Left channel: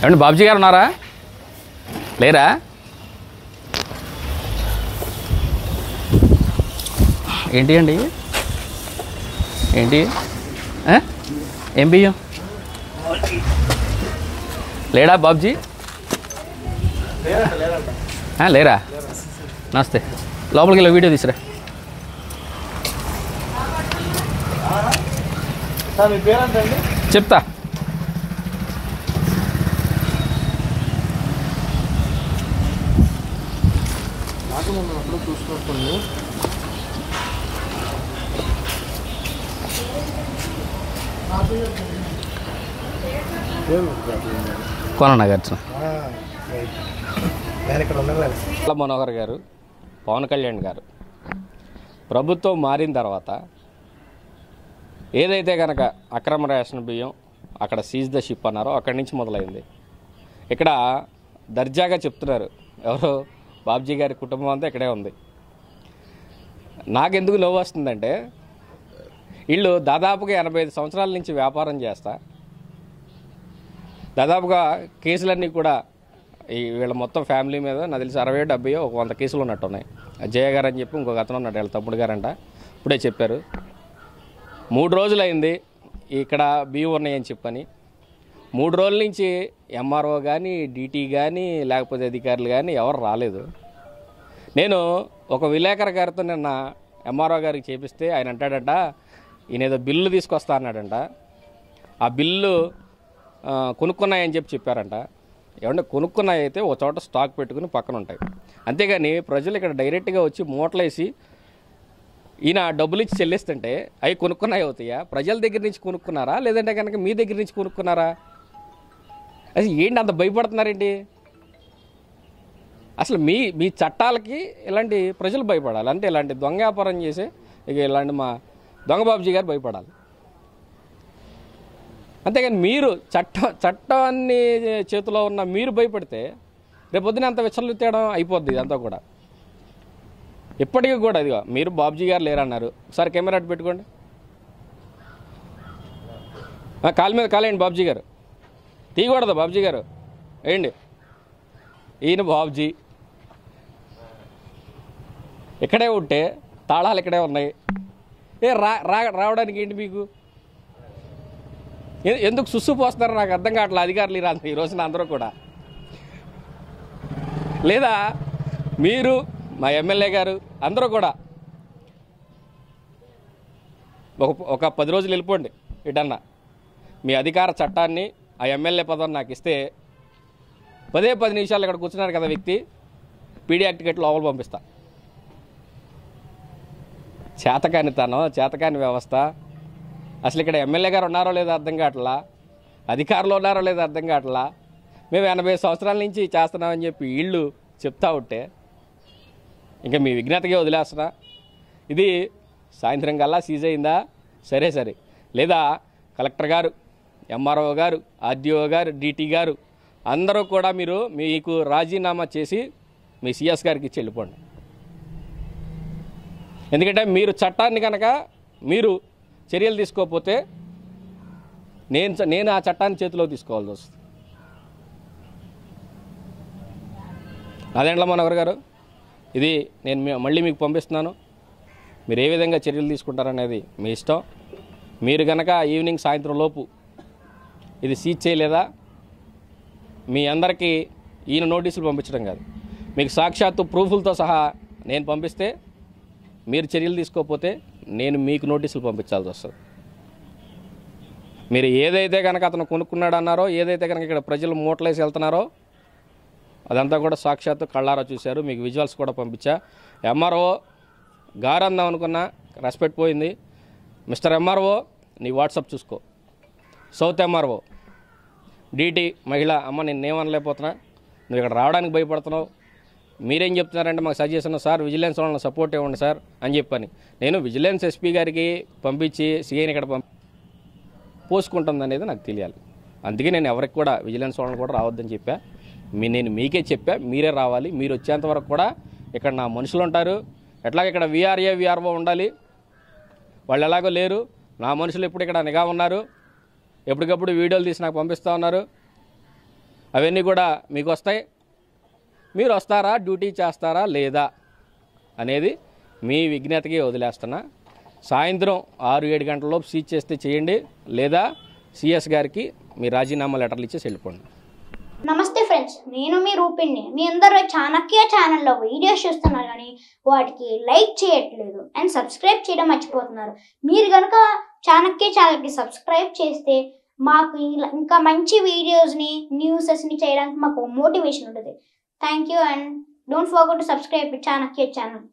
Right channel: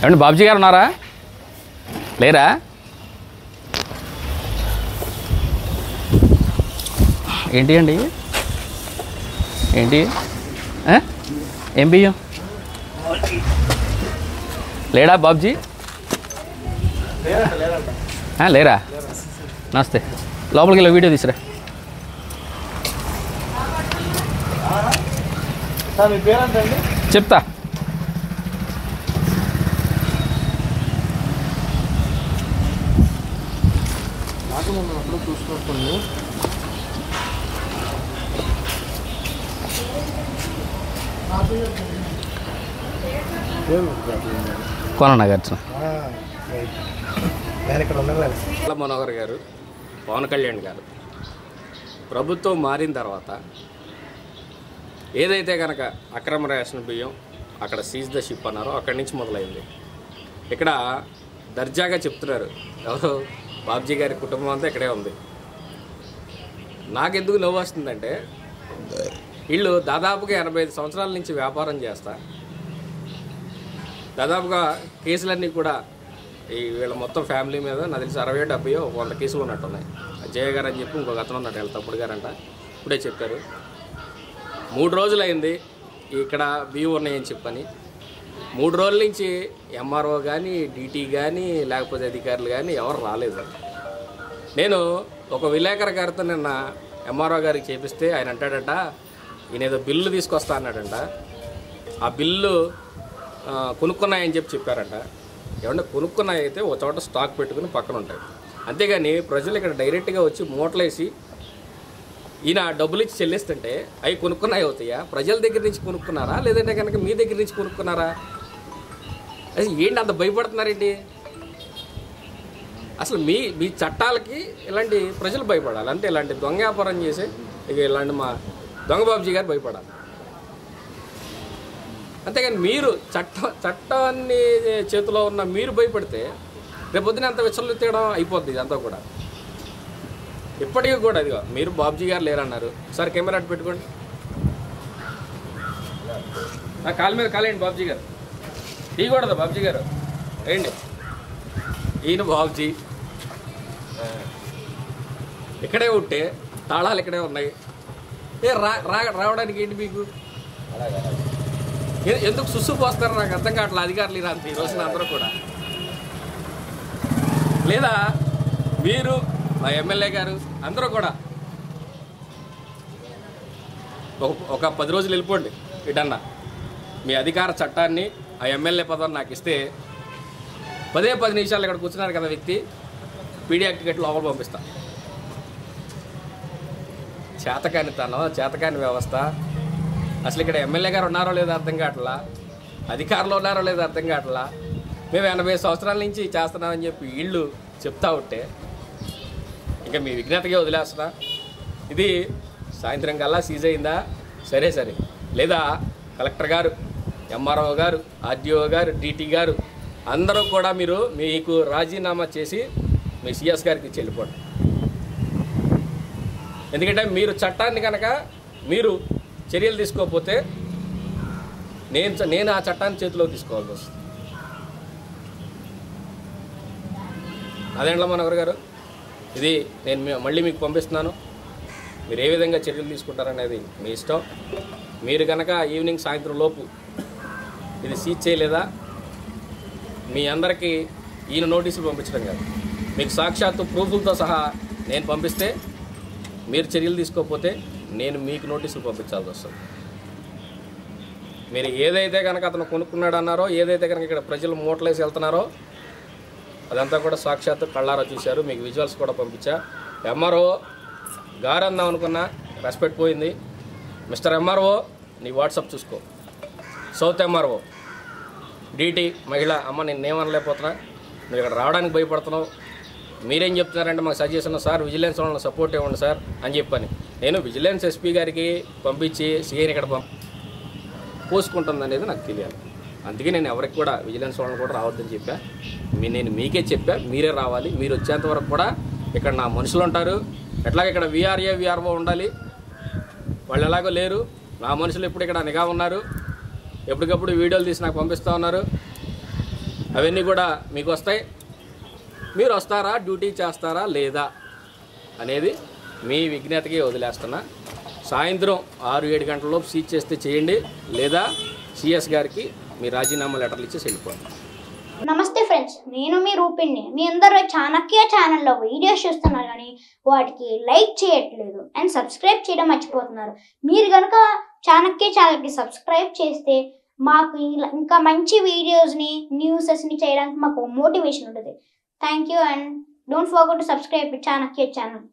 ఏమండి బాబుజీ గారు ఉన్నారా? లేరా? ఏంటి అండి? ఏంటి ఏం బియ్యం? లేడా బాబుజీ? లేరా? నమస్తే. లోపలికి వెళ్ళి వీడియో తీసురా. చెప్తా. చూసుకుంటుంది కోననాగార్జున మనోహర్ గారు, పవన్ కళ్యాణ్ గారు ప్రభుత్వం మారిన తర్వాత ఏదైతే కనుక అక్రమ రేషన్ బియ్యం అక్కడ సీజ్ ద షిప్ అన్నారో అక్కడి నుంచి మొదలైంది. ఇక్కడ దర్జాగా చెప్తున్నారు, ఎవరో బాబ్జీ గారి కుటుంబం అంతా ఇక్కడే ఉంది. నాకెందుకు నవ్వు వస్తుందంటే, వీళ్ళు దాదాపుగా 85 సంవత్సరాల నుంచి వ్యాపారం చేస్తా, దాదాపుగా కేసులన్నీ కూడా ఈ వీళ్ళ మొత్తం ఫ్యామిలీ మీద నాకు తెలిసి 60-70 100 కేసులు ఉన్నట్టున్నాయి. అజయ్ గారు అని చెప్పి ఇంకొక అతను ఉన్నాడు, వీళ్ళ తమ్ముడు గారంట, ఇప్పుడే చెప్పారు. 3 రోజులు అయింది ఇక్కడ బియ్యం ఉన్నాయని చెప్పని. 3 రోజుల నుంచి ఎంఆర్ఓ కానీ డీటీ కానీ లేకపోతే అధికారులు కానీ ఎవరు రాలేదు. నేను ఒక విలేకరు గారితో నిన్న ఎంఆర్ఓ గారికి చేపిస్తే ఆయన అంటాడట, ఈయన ఏదో బిల్లు తీసుకొస్తా అన్నాడంట. ఆ బిల్లు కొనుక్కున్నాయని చెప్పారంట. ఏమంటే కొనుక్కున్నాయి అయితే ఒక చోట స్టాక్ పెట్టుకుని పక్కన ఉంటాయి, అంతేగాని ప్రజలు ఇక్కడ డైరెక్ట్గా వచ్చి మూటలేసి ఈయన డబ్బులు ఇచ్చి చెల్లిస్తుంటే అవి కొనుక్కున్నాయి అవుతాయా? ప్రజల దగ్గర నుంచి కొనుక్కున్నారా లేదంటే కనుక మీ దగ్గర నుంచి కొనుక్కున్నారా? అసలు ఏంటి అంత భయపడుతున్నారేంటి? అసలు మీ చట్టాలకి ఇలాంటి ప్రజలు భయపడాలి, అంటే ఇలాంటి దొంగ వ్యాపారం చేసి ఇక ఇలాంటి మా దొంగ బాబుజీ గారు భయపడాలి. అంతేగాని మీరు చట్టాన్ని చేతిలో ఉన్న మీరు భయపడితే రేపొద్దున అంత విచ్చలెత్తడం అయిపోద్ది అంతా కూడా. ఇప్పటికీ కూడా అదిగో మీరు బాబుజీ గారు లేరన్నారు, ఒకసారి కెమెరా పెట్టుకోండి, కాలు మీద కాలేండి బాబుజీ గారు, తీయకూడదు బాబుజీ గారు ఏంటి, ఈయన బాబుజీ ఇక్కడే ఉంటే తాళాలు ఇక్కడే ఉన్నాయి, రావడానికి ఏంటి మీకు? ఎందుకు సుస్సు పోస్తారు నాకు అర్థం కావట్లేదు. అధికారులు అంత ఈ రోజున అందరూ కూడా, లేదా మీరు మా ఎమ్మెల్యే గారు అందరూ కూడా ఒక 10 రోజులు వెళ్ళిపోండి ఇటన్నా, మీ అధికార చట్టాన్ని ఆ ఎమ్మెల్యే పదవి నాకు ఇస్తే 10 నిమిషాలు ఇక్కడ కూర్చున్నారు కదా వ్యక్తి, పీడీ యాక్ట్ టికెట్ లోపల పంపిస్తా. చేతకానితనం, చేతకాని వ్యవస్థ. అసలు ఇక్కడ ఎమ్మెల్యే గారు ఉన్నారో లేదో అర్థం కావట్లా, అధికారులు ఉన్నారో లేదో అర్థం కావట్లా. మేము 80 సంవత్సరాల నుంచి చేస్తున్నామని చెప్పి వీళ్ళు చెప్తా ఉంటే ఇంకా మీ విజ్ఞతగా వదిలేస్తున్నా. ఇది సాయంత్రం కల్లా సీజ్ అయిందా సరే, లేదా కలెక్టర్ గారు, ఎంఆర్ఓ గారు, ఆర్డీఓ గారు, డీటీ గారు అందరూ కూడా మీకు రాజీనామా చేసి మీ సిఎస్ గారికి ఇచ్చి వెళ్ళిపోండి. ఎందుకంటే మీరు చట్టాన్ని కనుక మీరు చర్యలు తీసుకోకపోతే నేను ఆ చట్టాన్ని చేతిలోకి తీసుకోవాల్సి వస్తుంది. అదేంట్లా మనోహర్ గారు, ఇది నేను మళ్ళీ మీకు పంపిస్తున్నాను, మీరు ఏ విధంగా చర్యలు తీసుకుంటారనేది మీ ఇష్టం. మీరు కనుక ఈవినింగ్ సాయంత్రం లోపు ఇది సీజ్ చేయలేదా, మీ అందరికీ ఈయన నోటీసులు పంపించడం కాదు, మీకు సాక్షాత్తు ప్రూఫ్లతో సహా నేను పంపిస్తే మీరు చర్యలు తీసుకోకపోతే నేను మీకు నోటీసులు పంపించాల్సి వస్తుంది. మీరు ఏదైతే కనుక అతను కొనుక్కున్నాడు అన్నారో, ఏదైతే కనుక ఇక్కడ ప్రజలు మూటలేసి వెళ్తున్నారో అదంతా కూడా సాక్షాత్తు కళ్ళారా చూశారు. మీకు విజువల్స్ కూడా పంపించా. ఎంఆర్ఓ గారు అందాం అనుకున్నా, రెస్పెక్ట్ పోయింది. మిస్టర్ ఎంఆర్ఓ నీ వాట్సాప్ చూసుకో. సౌత్ ఎంఆర్ఓ డీటీ మహిళ, అమ్మ నేనేమనలేకపోతున్నా, నువ్వు ఇక్కడ రావడానికి భయపడుతున్నావు, మీరేం చెప్తున్నారంటే మాకు సజెషన్ సార్ విజిలెన్స్ వాళ్ళని సపోర్ట్ ఇవ్వండి సార్ అని చెప్పని నేను విజిలెన్స్ ఎస్పీ గారికి పంపించి సిఐని ఇక్కడ పోసుకుంటుంది అనేది నాకు తెలియాలి. అందుకే నేను ఎవరికి కూడా విజిలెన్స్ వాళ్ళని కూడా రావద్దని చెప్పా. నేను మీకే చెప్పా, మీరే రావాలి. మీరు వచ్చేంత వరకు కూడా ఇక్కడ నా మనుషులు ఉంటారు. ఎట్లాగ ఇక్కడ విఆర్ఏ విఆర్ఓ ఉండాలి, వాళ్ళు ఎలాగో లేరు. నా మనుషులు ఇప్పుడు ఇక్కడ నిఘా ఉన్నారు, ఎప్పటికప్పుడు వీడియోలు తీసి నాకు పంపిస్తూ ఉన్నారు. అవన్నీ కూడా మీకు వస్తాయి. మీరు వస్తారా, డ్యూటీ చేస్తారా లేదా అనేది మీ విజ్ఞతకి వదిలేస్తున్నా. సాయంత్రం 6-7 గంటలలోపు సీజ్ చేస్తే చేయండి, లేదా సిఎస్ గారికి మీ రాజీనామా లెటర్లు ఇచ్చేసి వెళ్ళిపోండి. నమస్తే ఫ్రెండ్స్, నేను మీ రూపిణి. మీ అందరూ చాణక్య ఛానల్లో వీడియోస్ చూస్తున్నారు కానీ వాటికి లైక్ చేయట్లేదు అండ్ సబ్స్క్రైబ్ చేయడం మర్చిపోతున్నారు. మీరు కనుక చాణక్య ఛానల్కి సబ్స్క్రైబ్ చేస్తే మాకు ఇంకా మంచి వీడియోస్ని, న్యూసెస్ని చేయడానికి మాకు మోటివేషన్ ఉంటుంది. Thank you and don't forget to subscribe Chanakya channel.